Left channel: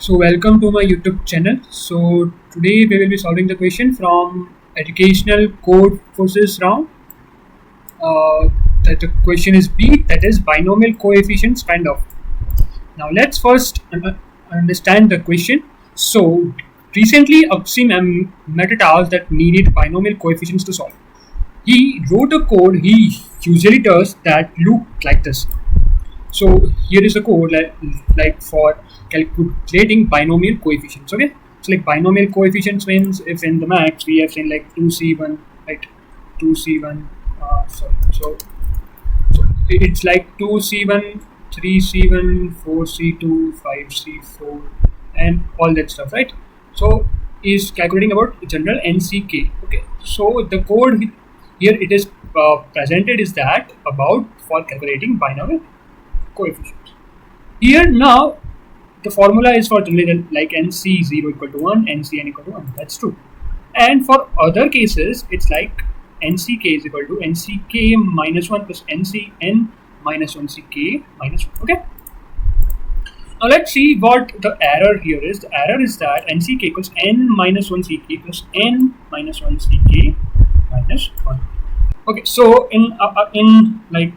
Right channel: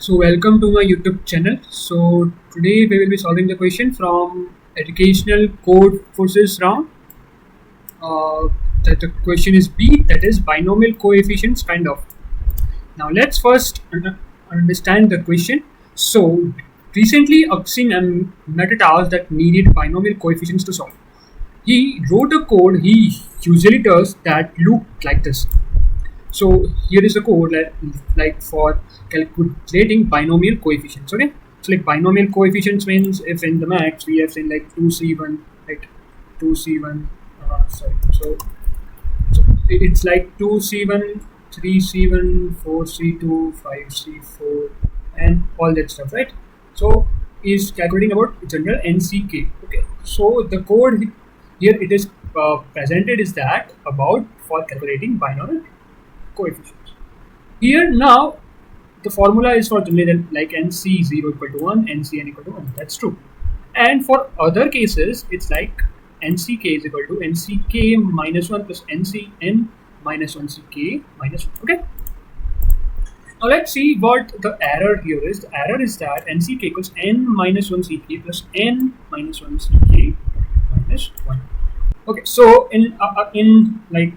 So welcome to my YouTube channel. So today we will be solving the question from educational code forces round. Uh, that the question is B, that is binomial coefficients kind of. Now let's first understand the question. So recently Aksim met a task that needed binomial coefficients to solve. He wrote a code he usually does that looked like this. So here is the code like for calculating binomial coefficients. Okay, so like binomial coefficients means if in the max we have seen like 2c1, right, 2c1, sorry, so it's like 2c1, 3c1, 4c2, 5c4, and all that stuff, right? So is calculating about general nck. Okay, so the code here it is presented is that about for calculating binomial coefficients. Here now the formula is for generally like nc0 equal to 1, ncn equal to 1. That's true. And for other cases, it's like nck is equal to nck minus 1 plus ncn minus 1 ck minus 1. Okay. Now let's see what the error here is. The error is that nck equals n minus 1 ck plus n minus 1 ck minus 1. Okay, so in like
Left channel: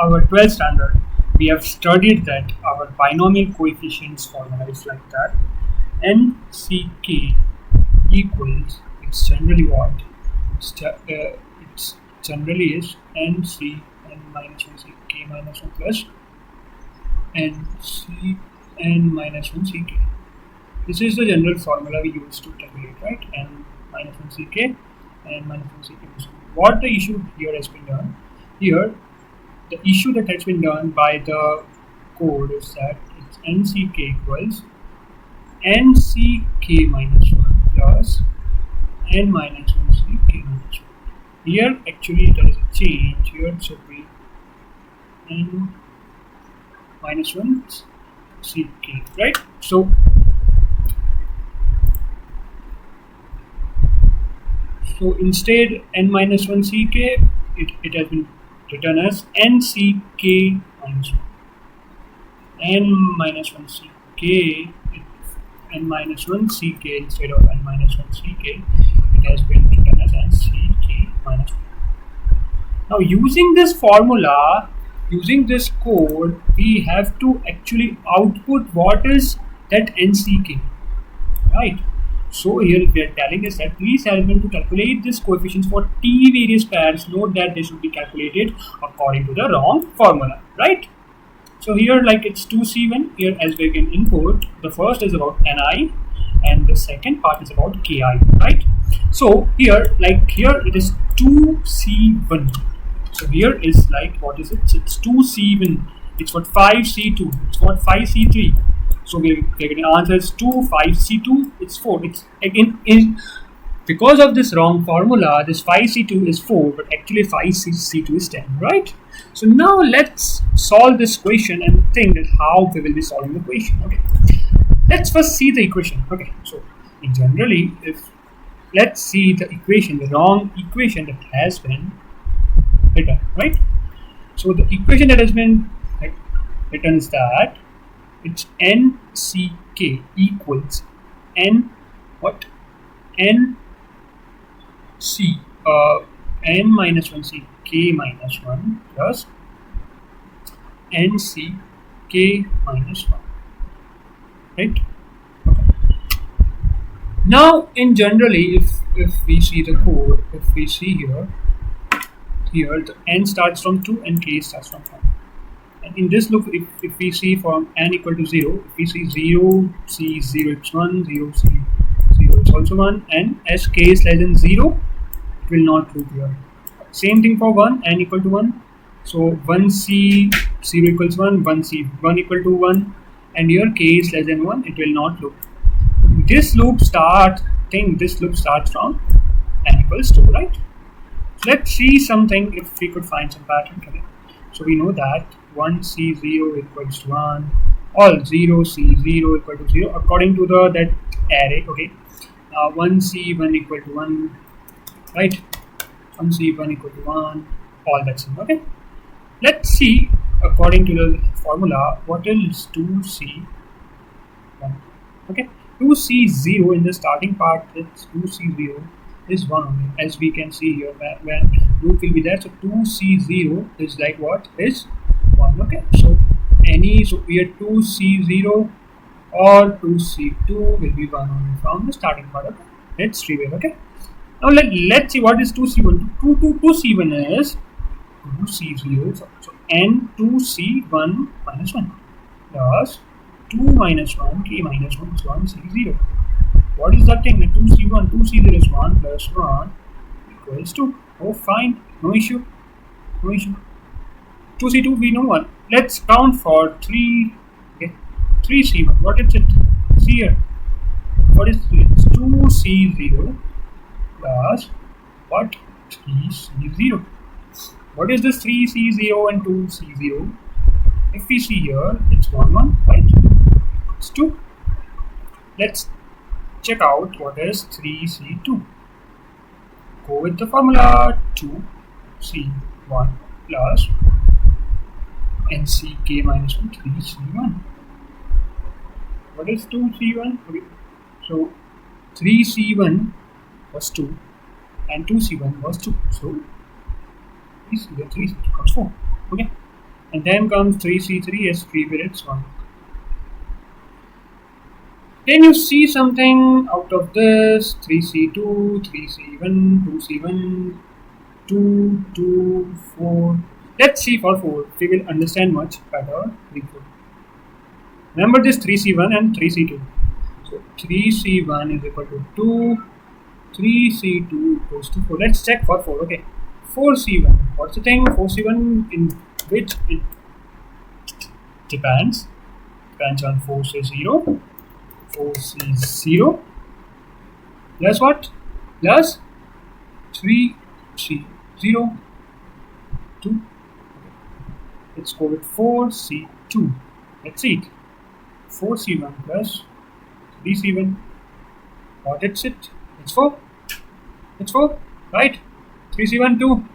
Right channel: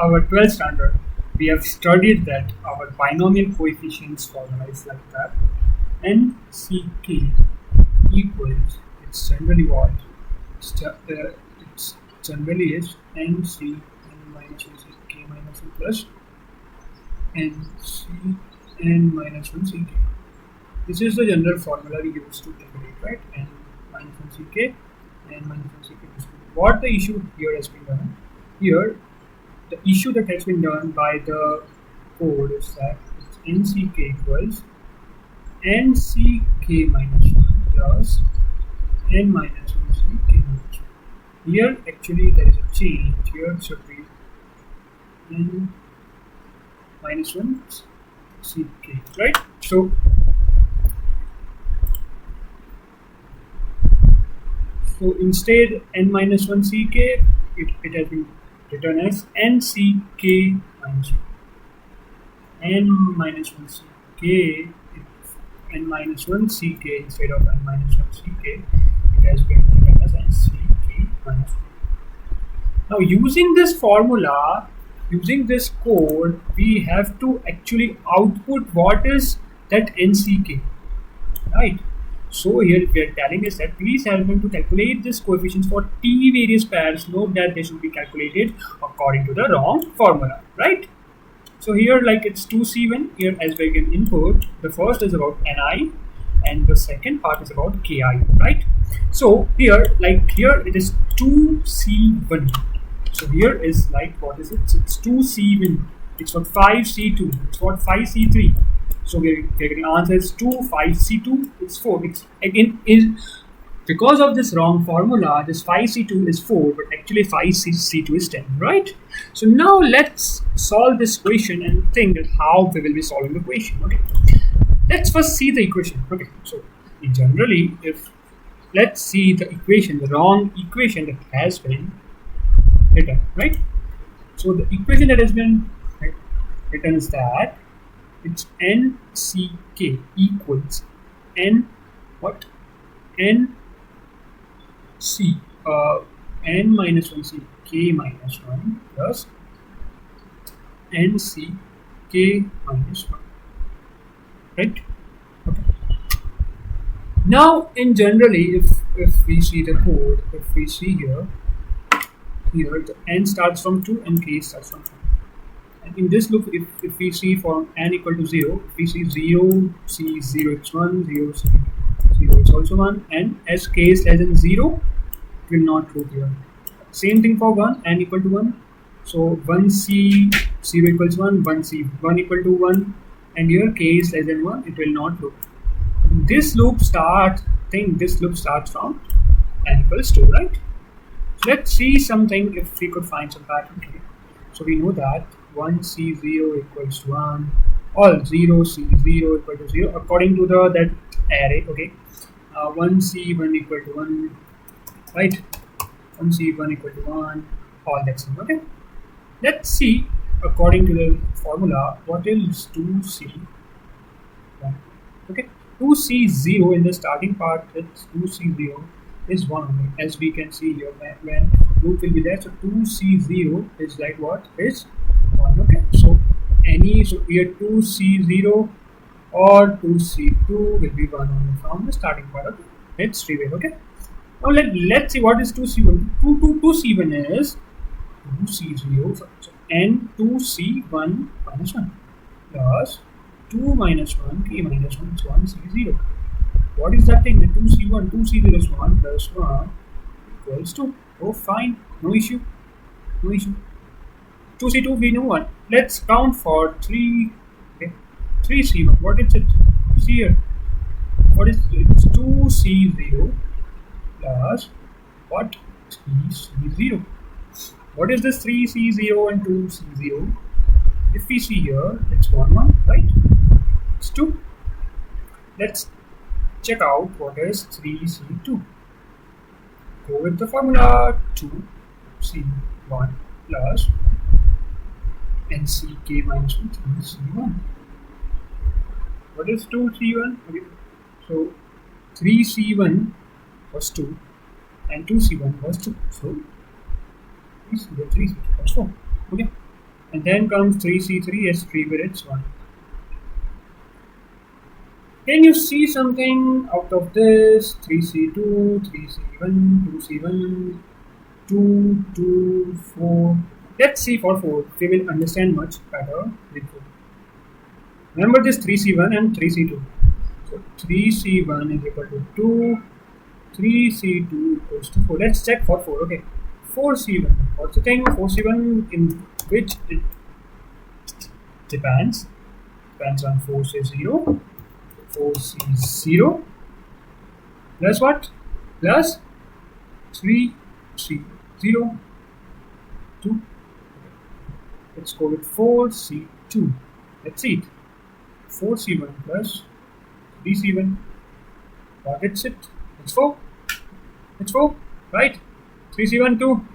our 12th standard, we have studied that our binomial coefficients formula is like that. Nck equals, it's generally what? It's generally is nc n minus 1 ck minus 1 plus nc n minus 1 ck. This is the general formula we use to calculate, right? N minus 1 ck and minus 1 ck minus 1. What the issue here has been done? Here, the issue that has been done by the code is that it's nck equals nck minus 1 plus n minus 1 ck minus 1. Here, actually, there is a change. Here it should be n minus 1 ck, right? So instead n minus 1 ck, it has been written as nck minus 1. N minus 1 ck, n minus 1 ck instead of n minus 1 ck, it has been written as nck minus 1. Now using this formula, using this code, we have to actually output what is that nck, right? So here we are telling us that please help me to calculate this coefficients for t various pairs. Note that they should be calculated according to the wrong formula, right? So here like it's 2c1 here as we can input. The first is about ni and the second part is about ki, right? So here like here it is 2c1. So here is like what is it? It's 2c1. It's what 5c2. It's what 5c3. So we're getting answer is 2, 5c2, it's 4. It's again is because of this wrong formula, this 5c2 is 4, but actually 5c2 is 10, right? So now let's solve this question and think that how we will be solving the question. Okay, let's first see the equation. Okay, so in generally, if let's see the equation, the wrong equation that has been written, right? So the equation that has been written is that it's nck equals n what n c n minus 1 ck minus 1 plus nck minus 1, right? Okay, now in generally if we see the code, if we see here the n starts from 2 and k starts from 1. And in this loop, if we see from n equal to 0, if we see 0, c 0 it's 1, 0, c 0 it's also 1, and as k is less than 0, it will not loop here. Same thing for 1, n equal to 1. So 1c 0 equals 1, 1c 1 equal to 1, and here k is less than 1, it will not loop. This loop starts from n equals 2, right? So let's see something if we could find some pattern. Okay. So we know that 1c0 equals to 1, all 0c0 equal to 0 according to the that array. Okay, 1c1 equal to 1, right? 1c1 equal to 1, all that's in. Okay, let's see according to the formula what is 2c 1. Okay, 2c0 in the starting part, it's 2c0 is 1 only, as we can see here when loop will be there. So 2c0 is like what is 1. Okay, so any, so here 2c0 or 2c2 will be 1 only from the starting part. Okay, let's reveal. Okay, now let's see what is 2c1. 2c1 is 2c0, so n 2c1 minus 1 plus 2 minus 1 k minus 1 is 1c0. What is that thing? 2c1, 2c0 is 1 plus 1 equals 2. Oh, fine, no issue, no issue. 2c2 we know 1. Let's count for 3. Okay, 3c1. What is it? See here. What is it? It's 2c0 plus what? 3c0. What is this 3c0 and 2c0? If we see here, it's 1 1, right? It's 2. Let's check out what is 3c2. Go with the formula 2c1 plus nck minus 1 3c1. What is 2c1? Okay, so 3c1 was 2 and 2c1 was 2. So we see here 3c2 becomes 4. Okay, and then comes 3c3 as 3 with its 1. Can you see something out of this? 3c2, 3c1, 2c1, 2, 2, 4. Let's see for 4. We will understand much better with 4. Remember this 3c1 and 3c2. So 3c1 is equal to 2, 3c2 equals to 4. Let's check for 4. Okay, 4c1. What's the thing? 4c1 in which it depends on 4c0. 4c0 plus what? Plus 3c0 2. Okay. Let's go with 4c2. Let's see it. 4c1 plus 3c1. What is it? It's 4. It's 4, right? 3c1 2.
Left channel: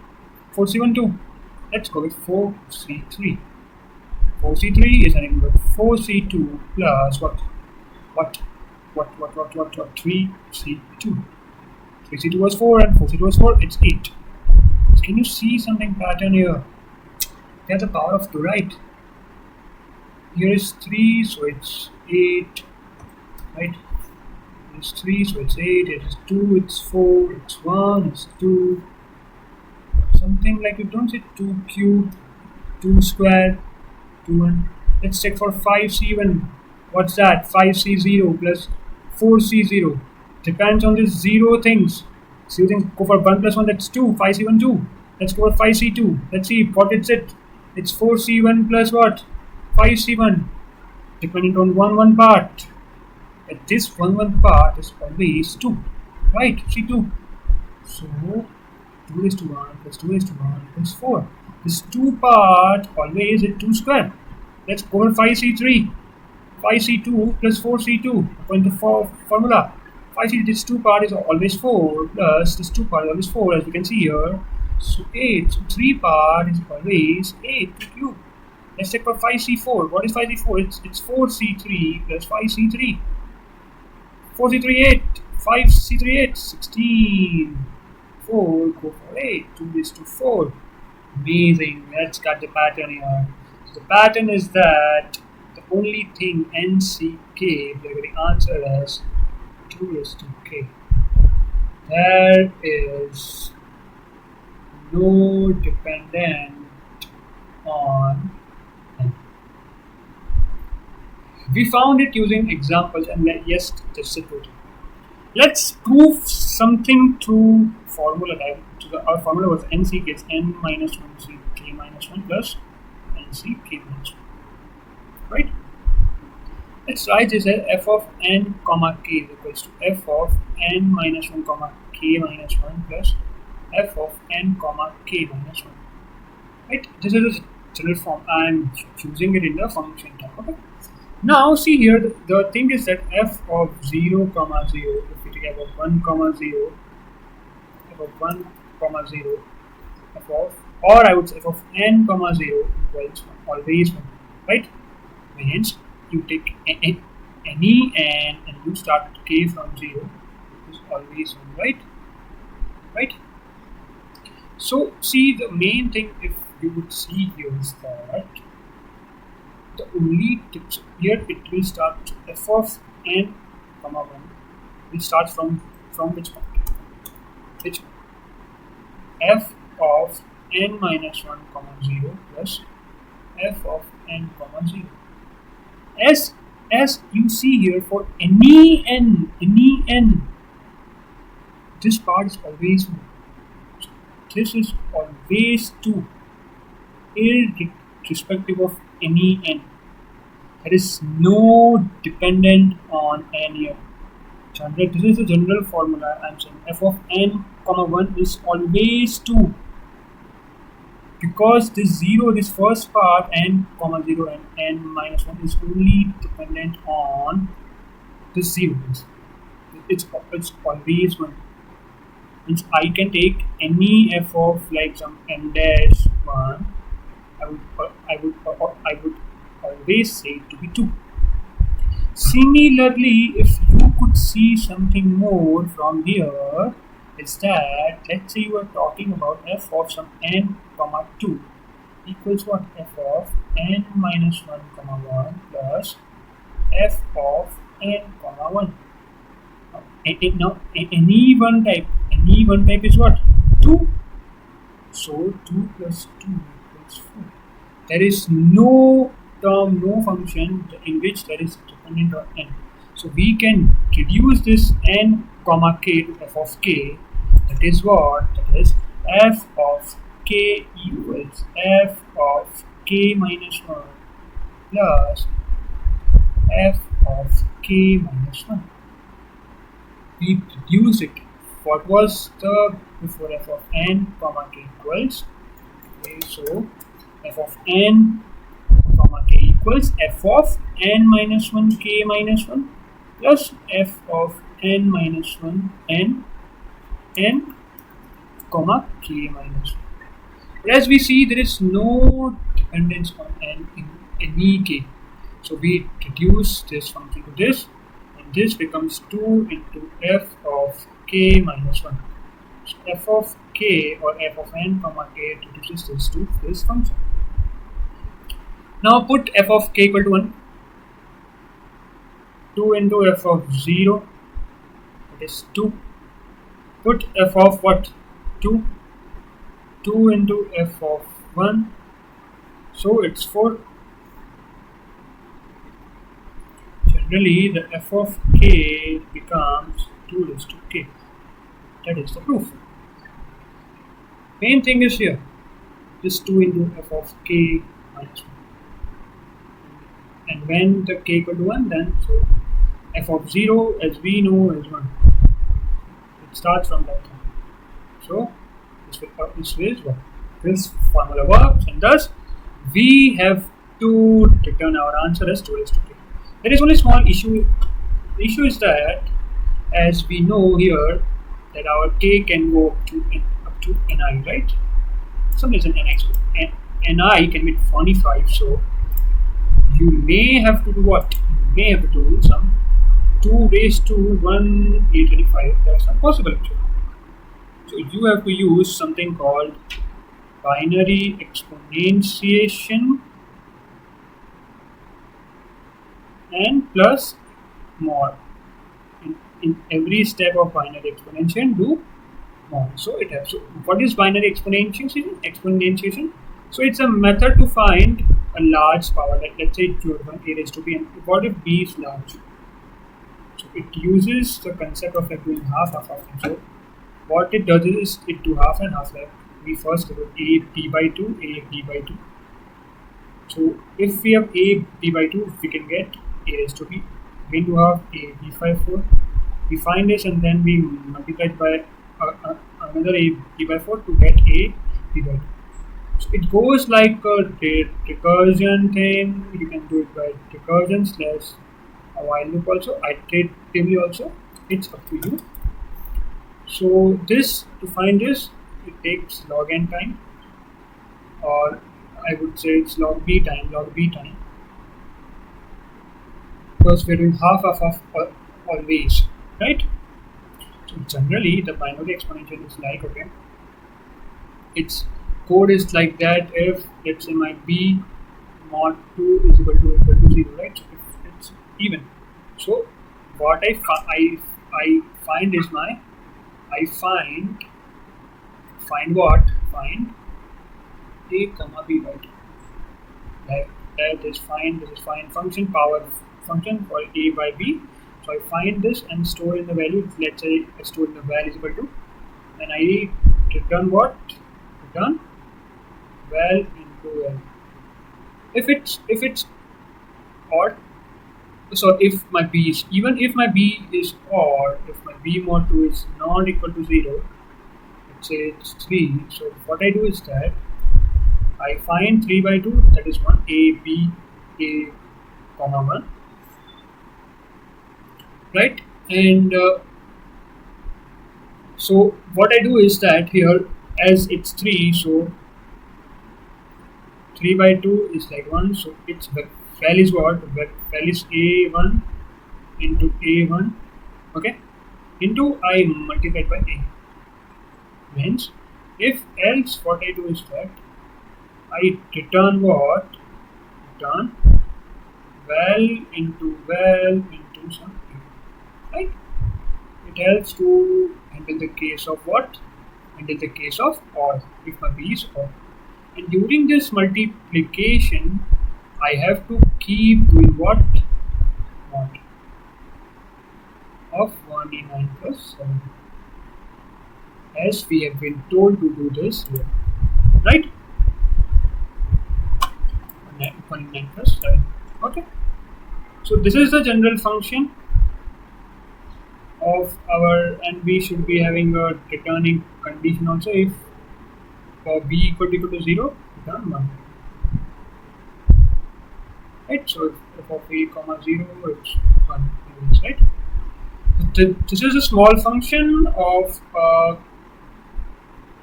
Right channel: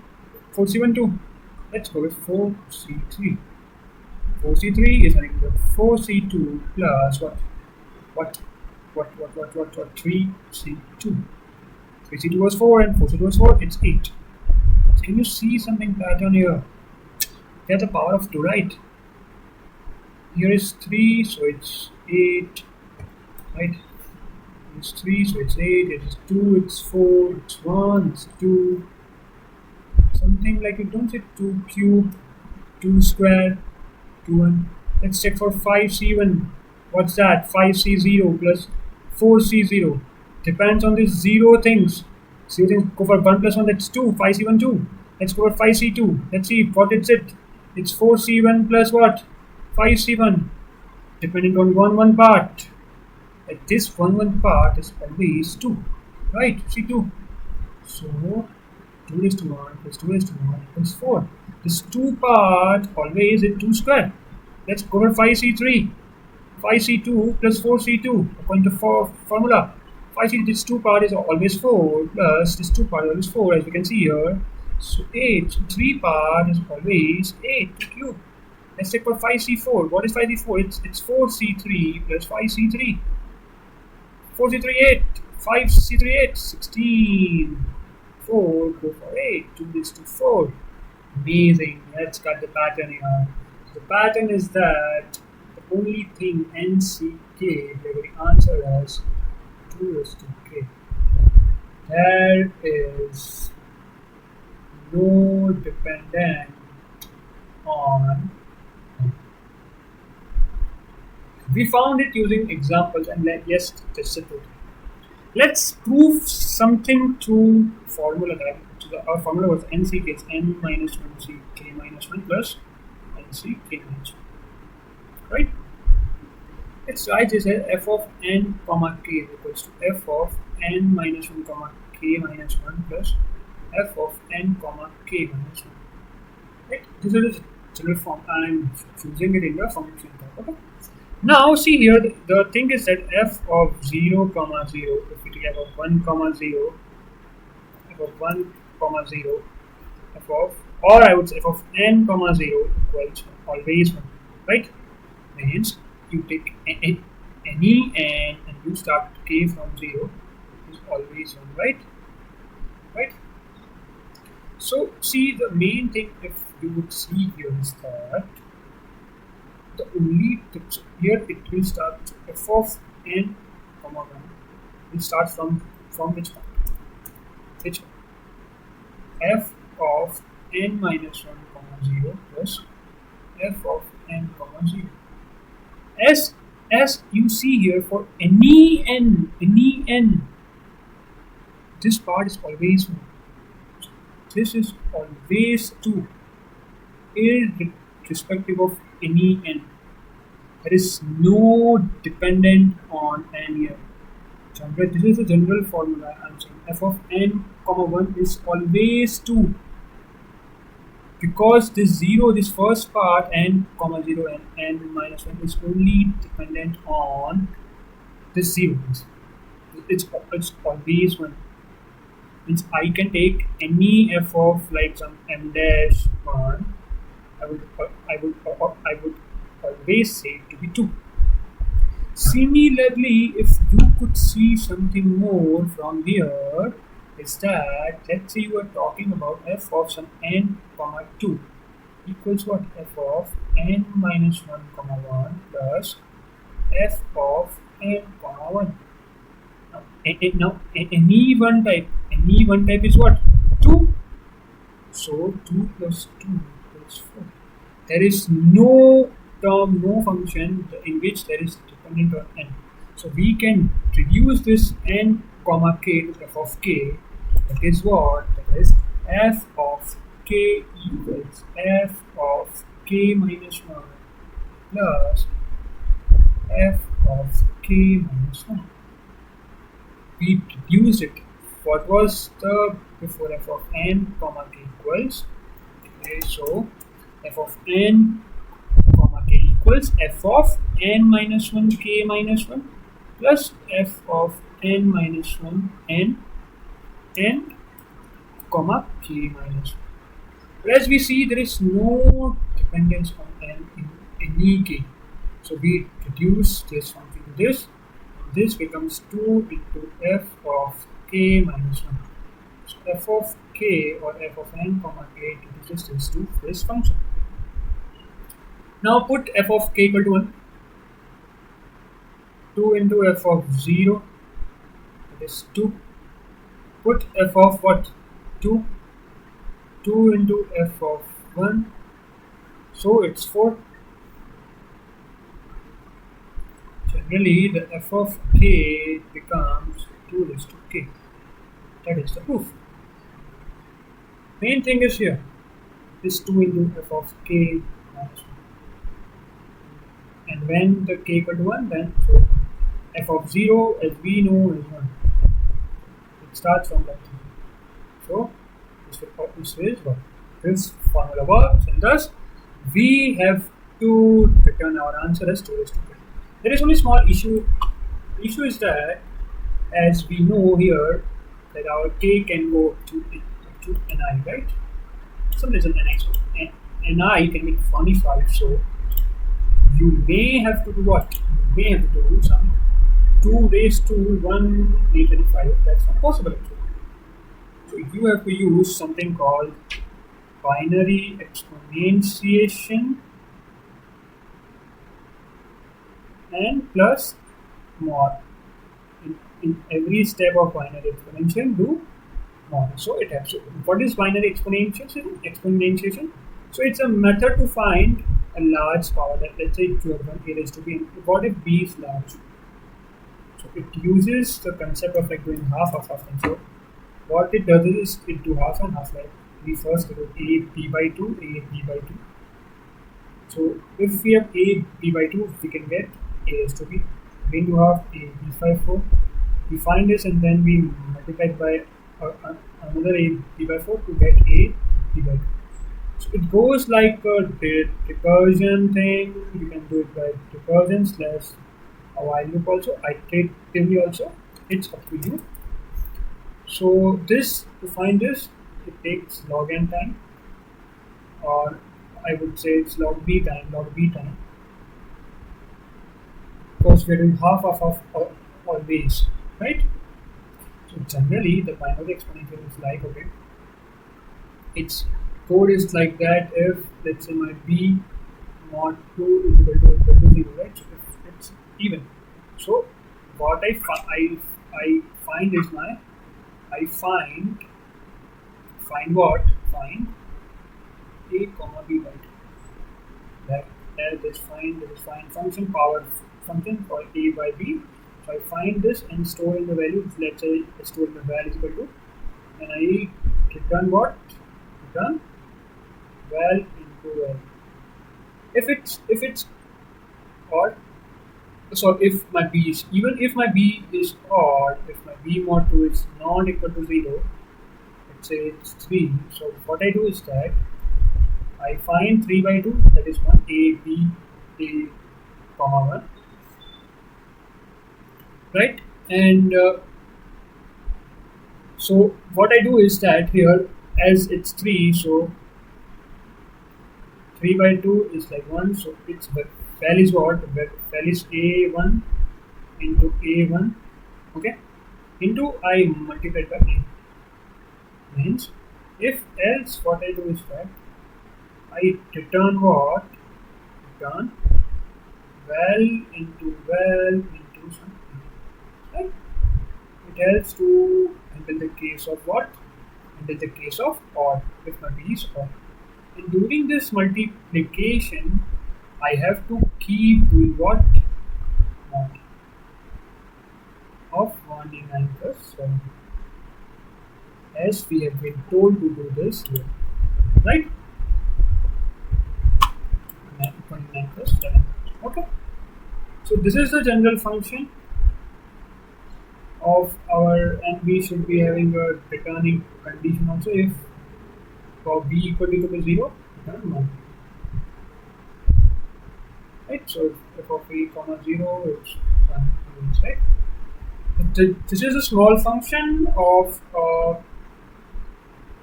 4c1 2. Let's go with 4c3. 4c3 is nothing but 4c2 plus what? 3c2. 3c2 was 4 and 4c2 was 4. It's 8. Can you see something pattern here? They have the power of 2, right? Here is 3, so it's 8, right? Here is 3, so it's 8. Here is 2, it's 4. It's 1, it's 2. Something like, you don't say 2 cube, 2 square, 2 1. Let's check for 5c1. What's that? 5c0 plus 4c0. Depends on these 0 things. 0 things go for 1 plus 1, that's 2. 5c1 2. Let's go for 5c2. Let's see what it's it. It's 4c1 plus what? 5c1. Dependent on 1 1 part. At this 1 1 part is always 2. Right? c2. So 2 raised to 1 plus 2 raised to 1 equals 4. This 2 part always is 2 square. Let's go for 5c3. 5c2 plus 4c2 according to formula. 5c, this 2 part is always 4 plus this 2 part is always 4, as we can see here. So 8. So 3 part is always 8 cube. Let's check for 5c4. What is 5c4? It's 4c3 plus 5c3. 4c3 8. 5c3 8. 16. 4 go for 8. 2 is to 4. Amazing. Let's cut the pattern here. So the pattern is that the only thing nck, the answer is 2 is to k. There is no dependent on n. We found it using examples, and yes, that's the total. Let's prove something through formula. Our formula was nck is n minus 1 c k minus 1 plus nck minus 1. Right? Let's write this as f of n comma k is equals to f of n minus 1 comma k minus 1 plus f of n comma k minus 1. Right? This is the general form. I am choosing it in the function type. Okay. Now see here, the thing is that f of 0 comma 0, if we take f of 1 comma 0, f of 1 comma 0, f of, or I would say f of n comma 0 equals 1, always 1. Right? Means you take n, any n and you start k from 0 is always 1, right? Right? So see, the main thing if you would see here is that the only tips here it will start f of n comma 1 will start from which point? Which f of n minus 1 comma 0 plus f of n comma 0. As you see here, for any n, this part is always 1. So this is always 2, irrespective of any n. There is no dependent on n here. This is a general formula. I'm saying f of n comma 1 is always 2, because this first part n comma 0 and n minus 1 is only dependent on this 0. It's always 1. Means I can take any f of like some m dash 1. I would always say it to be 2. Similarly, if you could see something more from here, is that let's say you are talking about f of some n comma 2 equals what? F of n minus 1 comma 1 plus f of n comma 1. Now any one type is what? 2. So 2 plus 2 equals 4. There is no term, no function in which there is dependent on n. So we can reduce this n comma k to f of k. That is what? That is f of k equals f of k minus 1 plus f of k minus 1. We reduce it. What was the before? F of n comma k equals, okay, so f of n comma k equals f of n minus 1 k minus 1 plus f of n minus 1 n comma k minus 1. But as we see, there is no dependence on n in any k. So we reduce this function to this, and this becomes 2 into f of k minus 1. So f of k or f of n comma k reduces this to this function. Now put f of k equal to 1. 2 into f of 0, that is 2. Put f of what? 2. 2 into f of 1, so it's 4. Generally, the f of k becomes 2 raised to k. That is the proof. Main thing is here, this 2 into f of k minus 1. And when the k equal to 1, then so f of 0 as we know is 1. It starts from that time. So this formula works, and thus we have to return our answer as 2 raised to k. There is only small issue. The issue is that, as we know here, that our k can go up to ni, right? Some reason ni can be 25, so you may have to do what? You may have to do some 2 raised to 1 825. That's not possible actually. So you have to use something called binary exponentiation and plus mod. In every step of binary exponentiation, do mod. So it has. So what is binary exponentiation? So it's a method to find a large power. Let's say it's 1 a raised to b. And what if b is large? So it uses the concept of like doing half thing. So what it does is it do half and half. Like we first do a b by 2, a b by 2. So if we have a b by 2, we can get a raised to b. Again do half, a b by 4. We find this and then we multiply it by another a b by 4 to get a b by 2. So it goes like a recursion thing. You can do it by recursion slash a while loop also, iteratively also. It's up to you. So this, to find this, it takes log n time, or I would say it's log b time. because we're doing half always, right? So generally the binary exponential is like, okay, its code is like that if let's say my b mod 2 is equal to 0, right? So if it's even, so what I find is my I find what find a comma b by 2, like this is find function power function for a by b. So I find this and store in the value, let's say I store in the val is equal to, and I return what, return val into val. If it's odd, so if my b is, even if my b is odd, if my b mod 2 is not equal to 0, let's say it's 3, so what I do is that I find 3 by 2, that is 1, a b a comma 1, right? And so what I do is that here, as it's 3, so 3 by 2 is like 1, so its val is what, val is a1 into a1, okay, into I multiplied by a, means if else what I do is that I return what, return val into some a, right? It helps to handle the case of what, handle the case of odd, if my b is odd. And during this multiplication I have to keep doing what, mod of 1d9 plus 7, as we have been told to do this here, right? 1d9 plus 7, okay. So this is the general function of our, and we should be having a returning condition also. If for b equal to 0, return 1, right? So if of a comma 0, it's 1 remains, right? So this is a small function of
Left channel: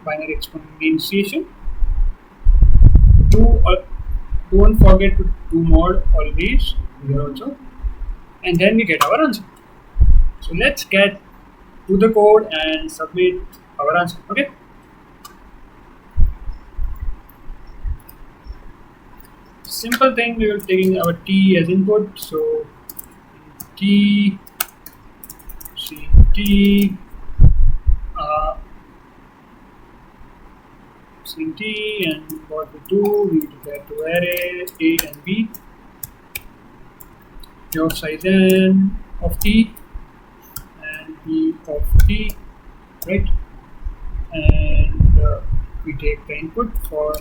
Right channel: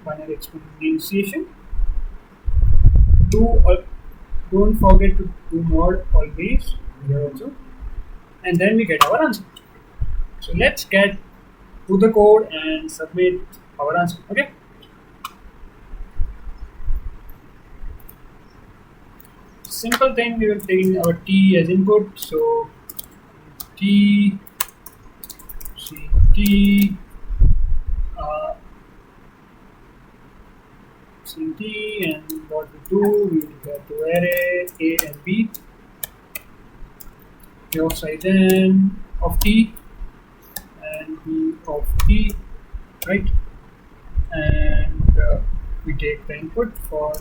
binary exponentiation. Don't forget to do mod always here also, and then we get our answer. So let's get to the code and submit our answer, okay? Simple thing, we will taking our t as input, so t ct and what we do, we declare two arrays a and b, a of size n of t and b of t, right? And we take the input for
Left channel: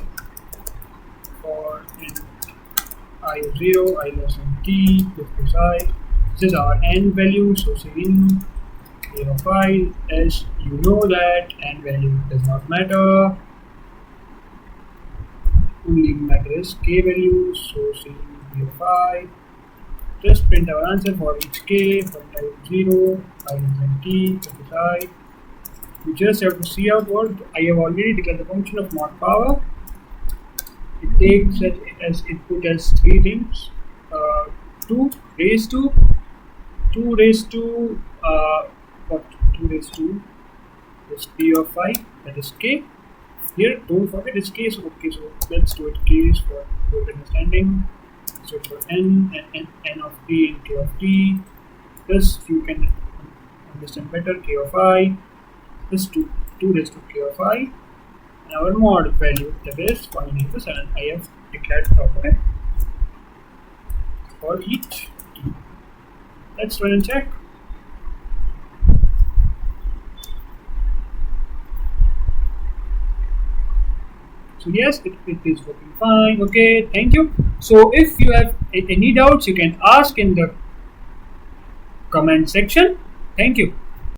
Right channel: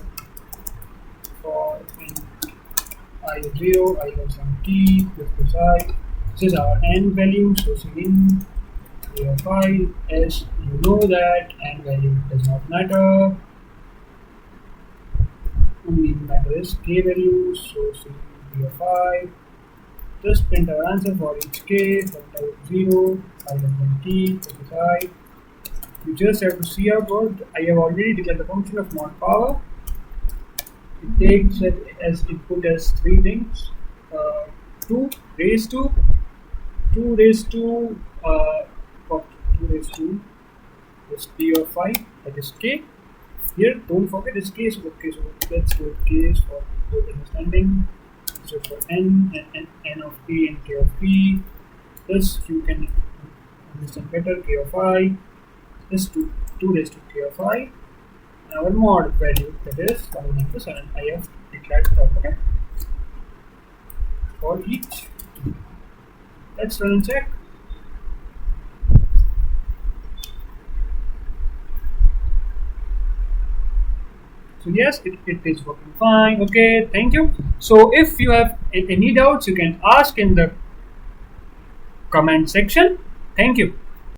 int I of 0, I less than t plus I. This is our n value, so say in a of I, as you know that n value does not matter, only matter is k value, so say b of I. Just print our answer for each k, for I of 0, I less than t plus I. We just have to see out what I have already declared the function of mod power. It takes it as input as three things: 2 raised to what, 2 raised to is p of I, that is k. Here don't forget it's k, so okay, so let's do it k for good understanding. So for n and n of t and k of t, this you can understand better. K of I is 2 raised to k of I, and our mod value, that is 49 plus 7, I have declared top, okay, for each t. Let's run and check. So yes, it is working fine. Okay, thank you. So if you have any doubts, you can ask in the comment section. Thank you.